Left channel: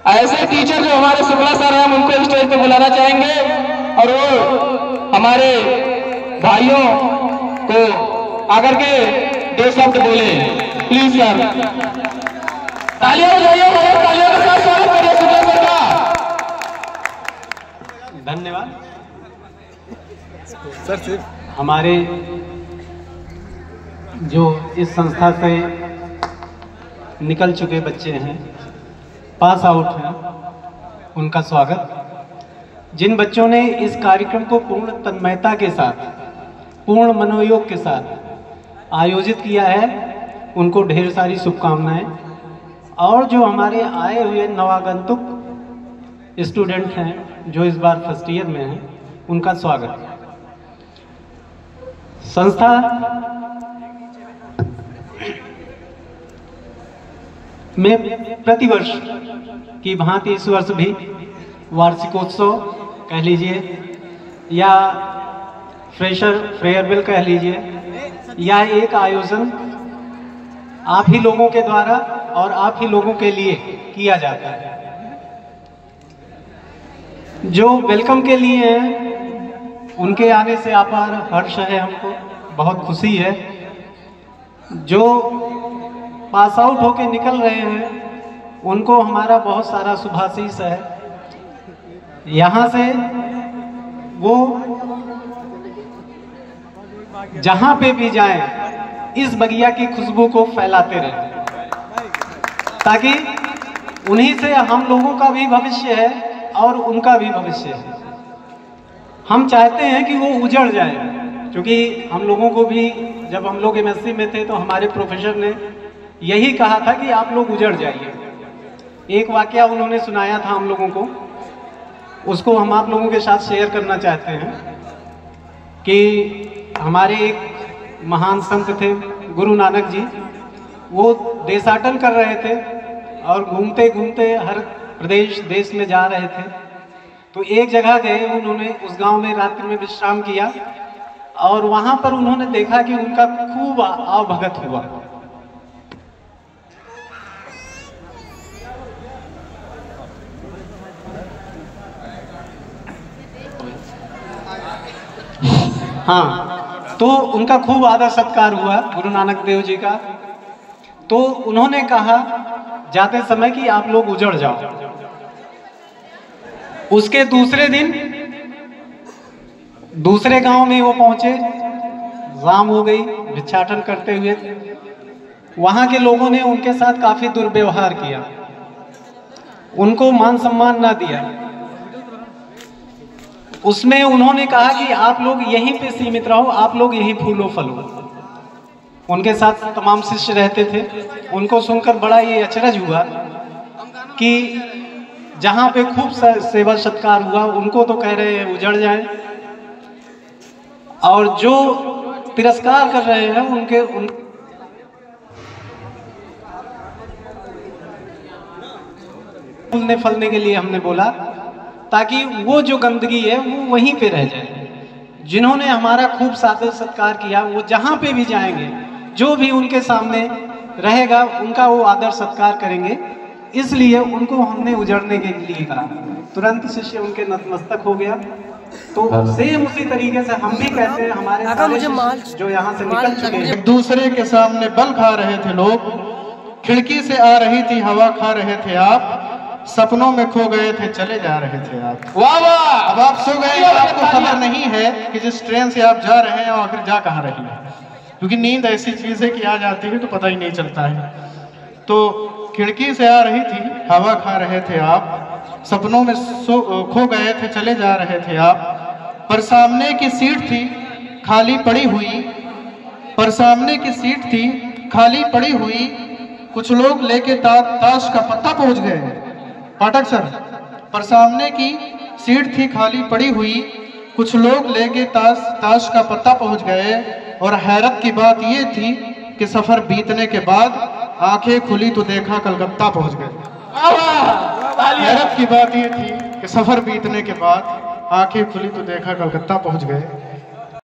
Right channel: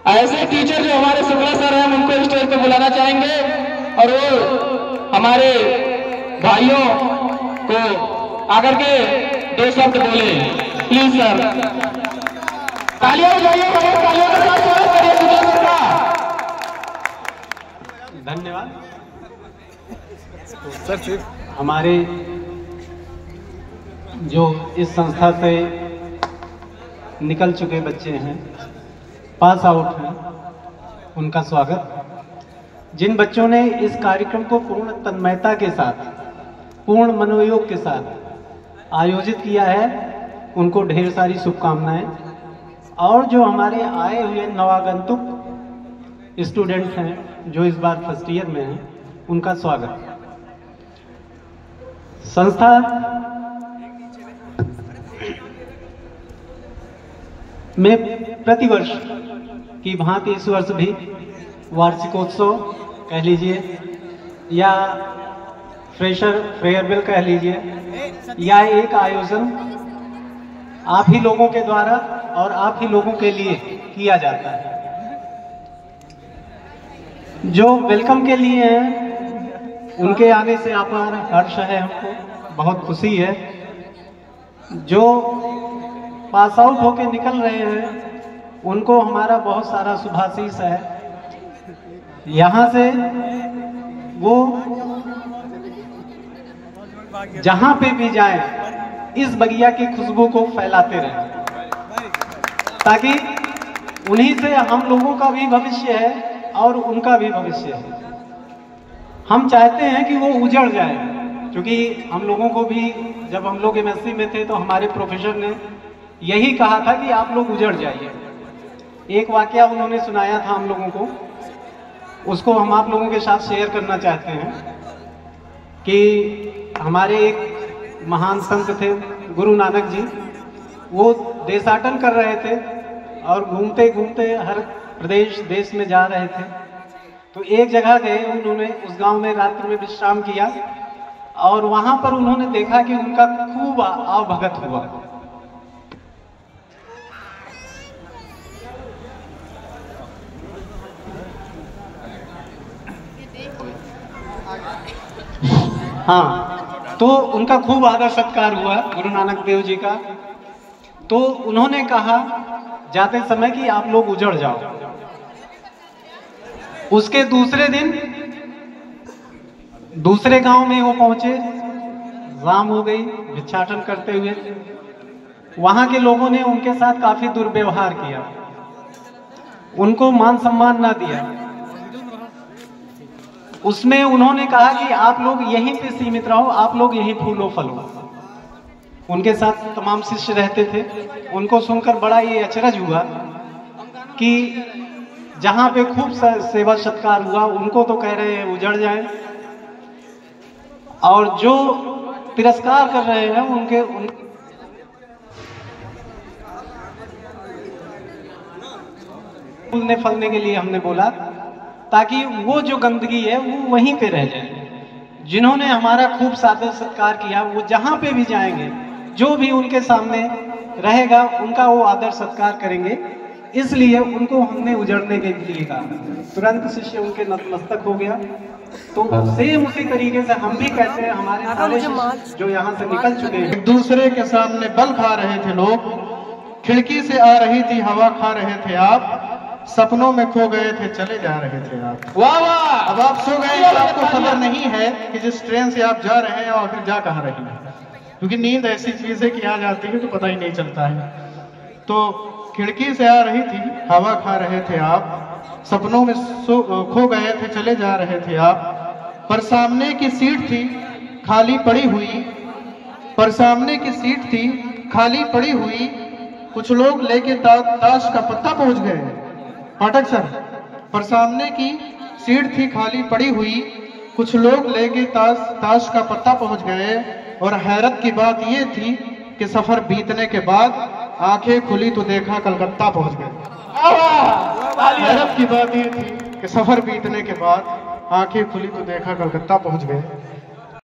ऐसे टीचर जो हमारे शुक्ला सर हैं, हम उनको स्टेज पे बुलाना चाहेंगे और वो हमारे भाइयों को आकर के 2 शब्द बोले। प्लीज सर, तालियां बजाइए, तालियों का स्वागत करिए शुक्ला सर का। धन्यवाद सर। सिर्फ हमारे जो इस संस्था से निकल चुके बच्चे हैं, पास आउट हैं, उनका स्वागत। जिन बच्चों ने इस कार्यक्रम को पूर्ण तन्मयता के साथ, पूर्ण मनोयोग के साथ आयोजित किया है, उनको ढेर सारी शुभकामनाएं। और जो हमारे आए हुए नवागंतुक स्टूडेंट हैं जो इस बार फर्स्ट ईयर में हैं, उनका स्वागत। संस्था में प्रतिवर्ष की भांति इस वर्ष भी वार्षिकोत्सव कह लीजिए या फ्रेशर फेयरवेल कह लीजिए, या एक आयोजन आप ही लोगों के द्वारा और आप ही लोगों के लिए किया जाता है। जो वेलकम के लिए हैं, उनके आने से अपार हर्ष है, हमको बहुत खुशी है। जो पास आउट होके निकल रहे हैं, उनको हमारा बहुत सारा शुभाशीष है। यहाँ से वो जहाँ पे भी जाएं, इस बगिया की खुशबू को फैलाते रहें, ताकि उन्हीं से हम लोगों का भी भविष्य है और उनका भी भविष्य है। हम चाहते हैं कि वो उजड़ जाए, क्योंकि हम लोगों को भी जब हम लोग एमएससी में थे तो हमारे प्रोफेसर ने यही कहा था कि आप लोग उजड़ जाइए। एक वाकया उन्होंने सुनाया था हम लोगों को, उसको हम आप लोगों के साथ शेयर करना चाहते हैं। कि हमारे एक महान संत थे गुरु नानक जी, वो देशाटन कर रहे थे और घूमते घूमते हर प्रदेश देश में जा रहे थे। तो एक जगह गए, उन्होंने उस गांव में रात्रि में विश्राम किया और वहां पर उन्होंने देखा कि उनका खूब आवभगत हुआ। हाँ, तो उनका खूब आदर सत्कार हुआ गुरु नानक देव जी का। तो उन्होंने कहा जाते समय कि आप लोग उजड़ जाओ। उसके दूसरे दिन दूसरे गांव में वो पहुंचे, शाम हो गई, भिक्षाटन करते हुए। वहां के लोगों ने उनके साथ काफी दुर्व्यवहार किया, उनको मान सम्मान ना दिया। उसमें उन्होंने कहा कि आप लोग यहीं पे सीमित रहो, आप लोग यहीं फूलो फलो। उनके साथ तमाम शिष्य रहते थे। उनको सुनकर बड़ा ये अचरज हुआ कि जहां पे खूब सेवा सत्कार हुआ, उनको तो कह रहे हैं उजड़ जाए, और जो तिरस्कार कर रहे हैं उनके फूलने फलने के लिए हमने बोला, ताकि वो जो गंदगी है वो वहीं पे रह जाए। जिन्होंने हमारा खूब सादर सत्कार किया, वो जहां पे भी जाएंगे, जो भी उनके सामने रहेगा, उनका वो आदर सत्कार करेंगे। इसलिए उनको हमने उजड़ने के लिए कहा। तुरंत शिष्य उनके नतमस्तक हो गया। तो सेम उसी तरीके से हम भी कहते हैं, हमारे सारे शिष्य जो यहाँ से निकल चुके हैं, एक दूसरे के सामने बल खा रहे थे लोग, खिड़की से आ रही थी हवा, खा रहे थे आप, सपनों में खो गए थे, चले जा रहे थे आप। वाह वाह! अब आप सो गए, आपको खबर नहीं है कि जिस ट्रेन से आप जा रहे हैं और फिर जा कहाँ रही है, क्योंकि नींद ऐसी चीज है कि आ जाती है तो पता ही नहीं चलता है। तो खिड़की से आ रही थी हवा, खा रहे थे आप, सपनों में खो गए थे, चले जा रहे थे आप। पर सामने की सीट थी खाली पड़ी हुई, पर सामने की सीट थी खाली पड़ी हुई, कुछ लोग लेके ताश का पत्ता पहुंच गए। पाठक सर, पर सामने की सीट थी खाली पड़ी हुई, कुछ लोग लेके ताश का पत्ता पहुंच गए। और हैरत की बात ये थी कि सफर बीतने के बाद आंखें खुली तो देखा कलकत्ता पहुंच गए। हैरत की बात ये थी कि सफर बीतने के बाद आंखें खुली तो देखा कलकत्ता पहुंच गए।